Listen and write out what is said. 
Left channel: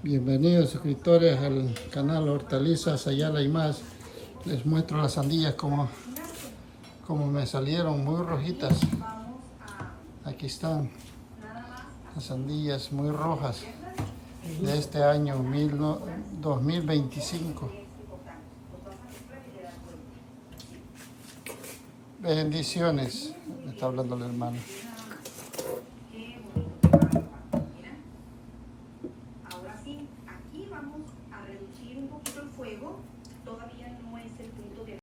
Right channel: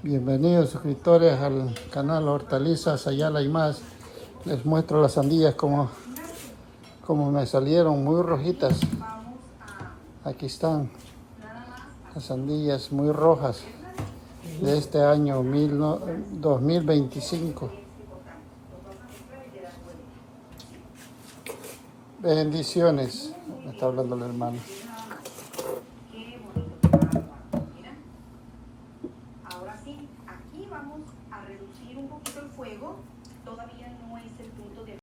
Bienvenidos suscriptores al canal Hortalizas Ayala y más. Les muestro las sandías como me salieron, muy rojitas. Aquí están las sandías muy rojas de este año 2025. Bendiciones, me está hablando el hermano. Ahora sí, aquí vamos a reducir un poquito el fuego. Todavía no es el punto